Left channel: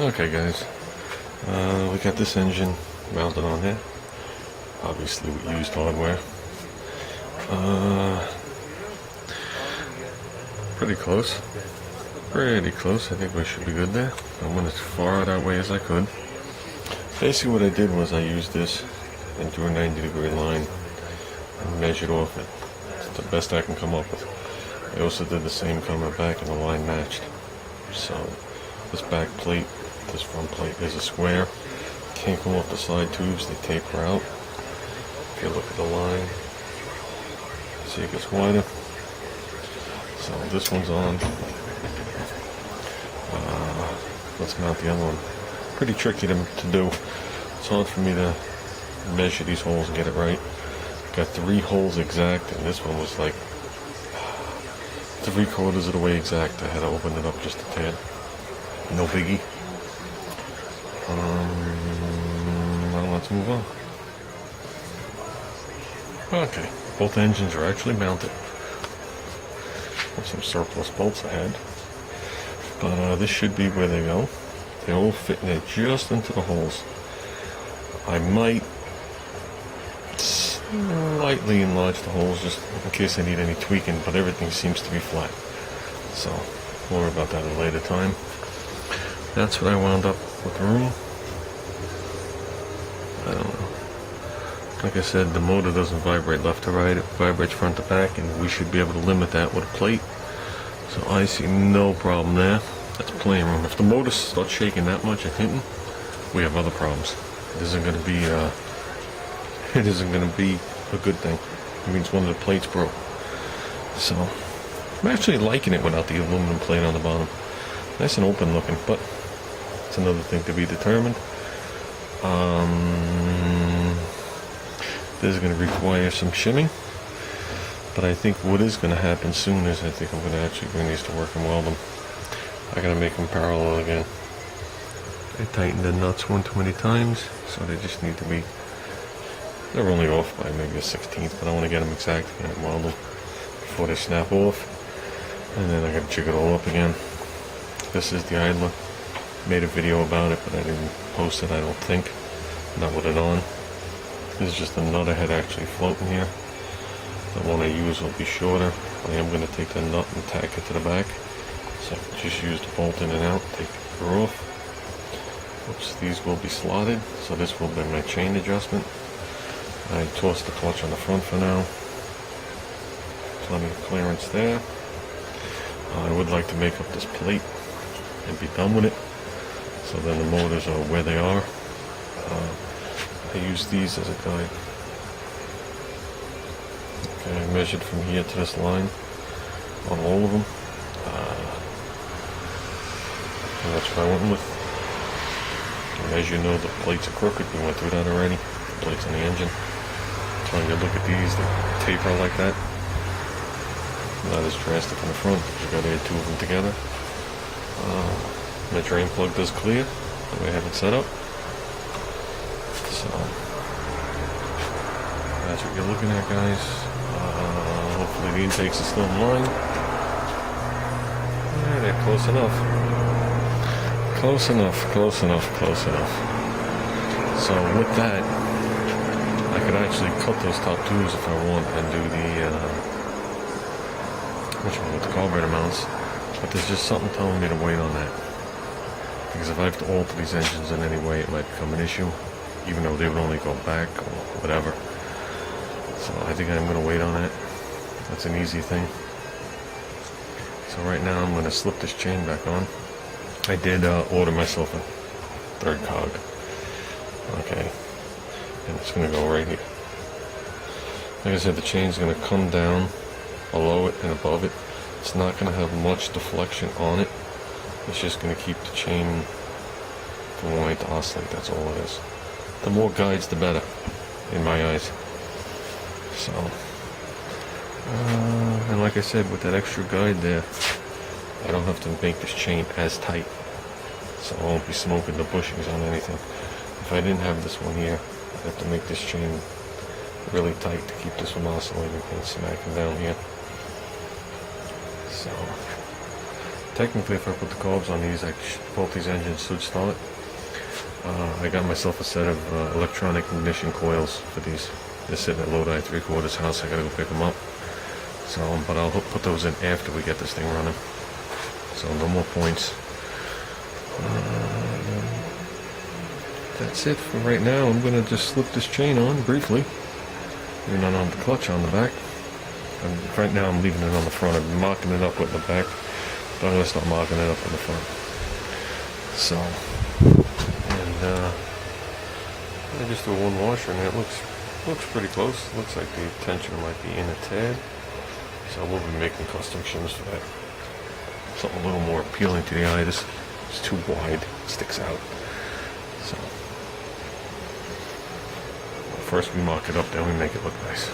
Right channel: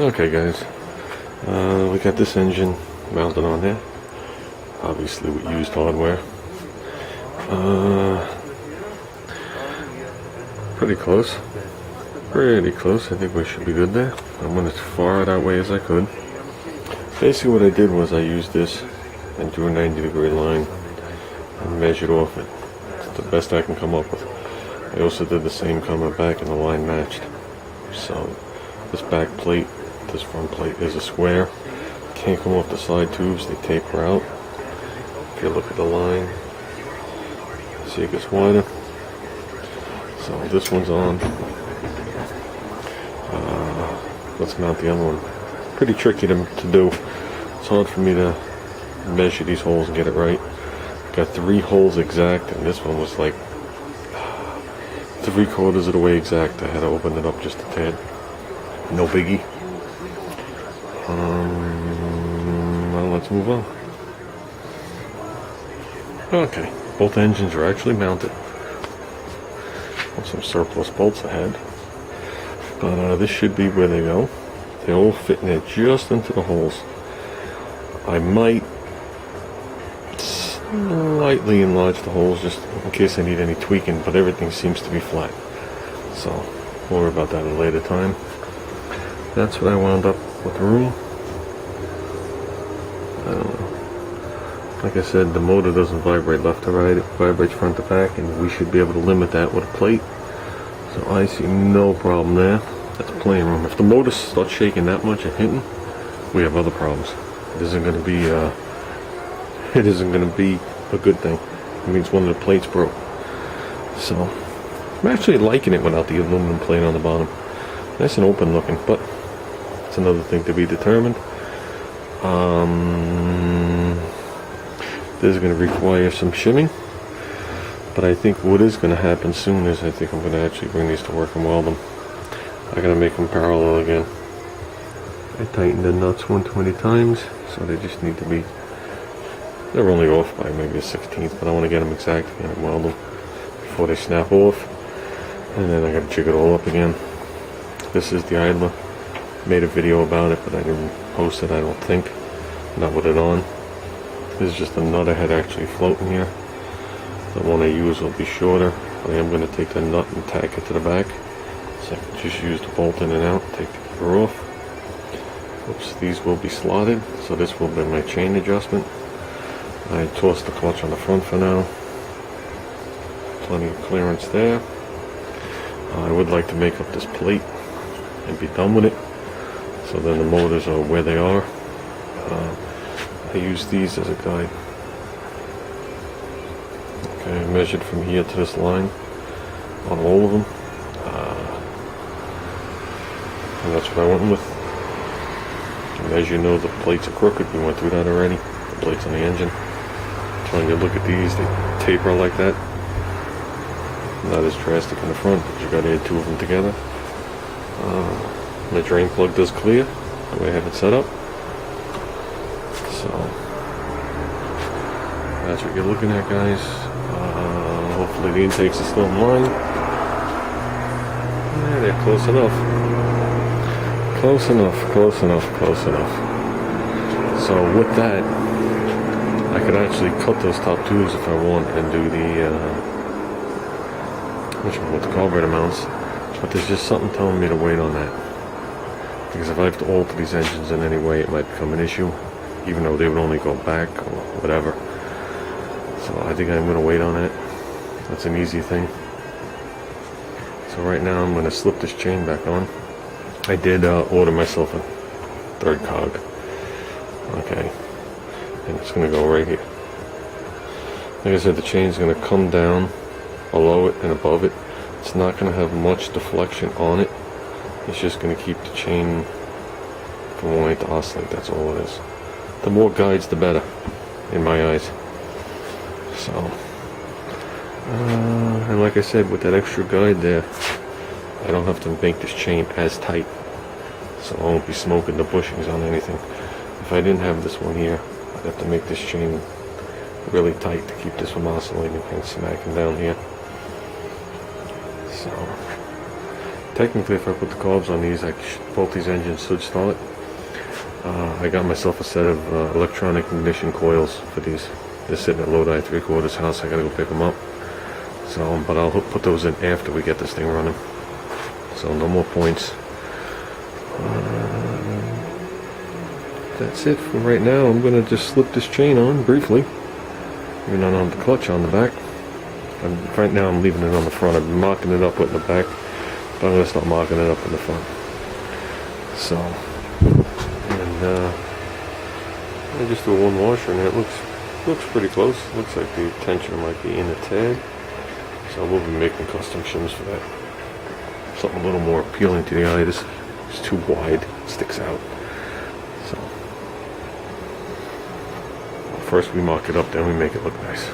Okay guys, we got this engine mounted on there, obviously with used hardware. Pretty close, I think we should be good there. I went as far that way as I could. Basically what I did was I used this and drew a 90-degree line and measured off it. It's the best I can come up with. I also did the same coming back and the line matched. So this back plate, this front plate is a square. Can't come off the side tubes, they taper out. If you look at the line, see it gets wider. So this one's on. Let's mount the other one. Pretty tricky to do. It's hard for me to measure these holes and get it right. Got 3 holes exact, and this one was like 3/4 of the way exact. I had to open it up just a tad. No biggie. Well, let's move on. Okay, both engines are actually mounted. Some surplus bolts I had, but this should be where they go. They all fit in there just into the holes. I might slightly enlarge the holes just in case I need any tweaking, but everything seems to be flat. So we'll worry about that at a later time. That's what I wound up with the room. I don't know. Like I said, the motor doesn't vibrate left to right, it vibrates front to back, and we should be able to limit that with a plate. So I see no problem there. That's plenty of room. If the motor starts shaking that much and hitting, we have other problems. It isn't going to be a good thing. It means one of the plates broke. So I'm actually liking it without the aluminum plate on the bottom. Nice and open looking, but it's another thing to be determined. This is going to require some shimming, but I think what is going to happen soon is I think I'm going to actually bring these to work and weld them. I got to make them parallel again. I tightened the nuts 120 times, so they just need to be, they're only off by maybe a 16th, but I want to get them exact again and weld them before they snap off. And then I got to jig it all up again. This is the idler. Made a video about it, but I didn't post it, I don't think. Not with it on. This is just a nut I had actually floating here. The one I use will be shorter, but I am going to take the nut and tack it to the back. So I can just use the bolt in and out, take the gear off. Oops, these will be slotted, so this will be my chain adjustment. I tossed the clutch on the front for now. Plenty of clearance there. I would like to make up this plate and be done with it, so then the motors are where they are. I use these as a guide. Okay, I measured from here to this line on all of them, and that's what I went with. And as you know, the plates are crooked. We went through that already. The plates on the engine. So when you look at these, they taper like that. Not as drastic in the front, because you got to add 2 of them together. My drain plug does clear the way I have it set up. So that's what you're looking at, guys. Hopefully the intakes are still in line. Yeah, they're close enough. Close enough. So with that, I could actually cut those top tubes if I wanted and do the with the carburetor mounts. But there's just something telling me to wait on that. Because if I have to alter these engines in any way, it might become an issue, even though they would only go back or whatever. So I think I'm going to wait on it. That's an easy thing. So right now I'm going to slip this chain back on. I did order myself a 3rd cog. Okay. And it's going to go right here. Like I said, the chain's going to come down below it and above it. It's not going to have much deflection on it. It's just going to keep the chain from wanting to oscillate. That's all it is. The more guides, the better, in my eyes. So, and like I said, with that extra guide there, I don't have to make this chain as tight, so I won't be smoking the bushings on anything. If I didn't have this one here, I'd have to make this chain really tight to keep this from oscillating and smacking down here. So, technically, if I put the carbs on these, both these engines should start. I got myself a set of electronic ignition coils for these. They're sitting at Lodi 3/4 house. I gotta go pick them up. So, but I'll put those in after we get this thing running. So no more points. That's it for right now. I'm gonna just slip this chain on briefly. Even though I don't have the clutch on the back. And right now I'm leaving it on the front. I've been marking it up with the back, but I'm gonna start marking it up in the front. So, and I just do one washer, and it looks pretty close. Looks like the tension might be in a tad. So we'll be making custom shims for that. Something a little more appealing to the eye. This is too wide, it sticks out. So first we mark it up, then we make it look nice.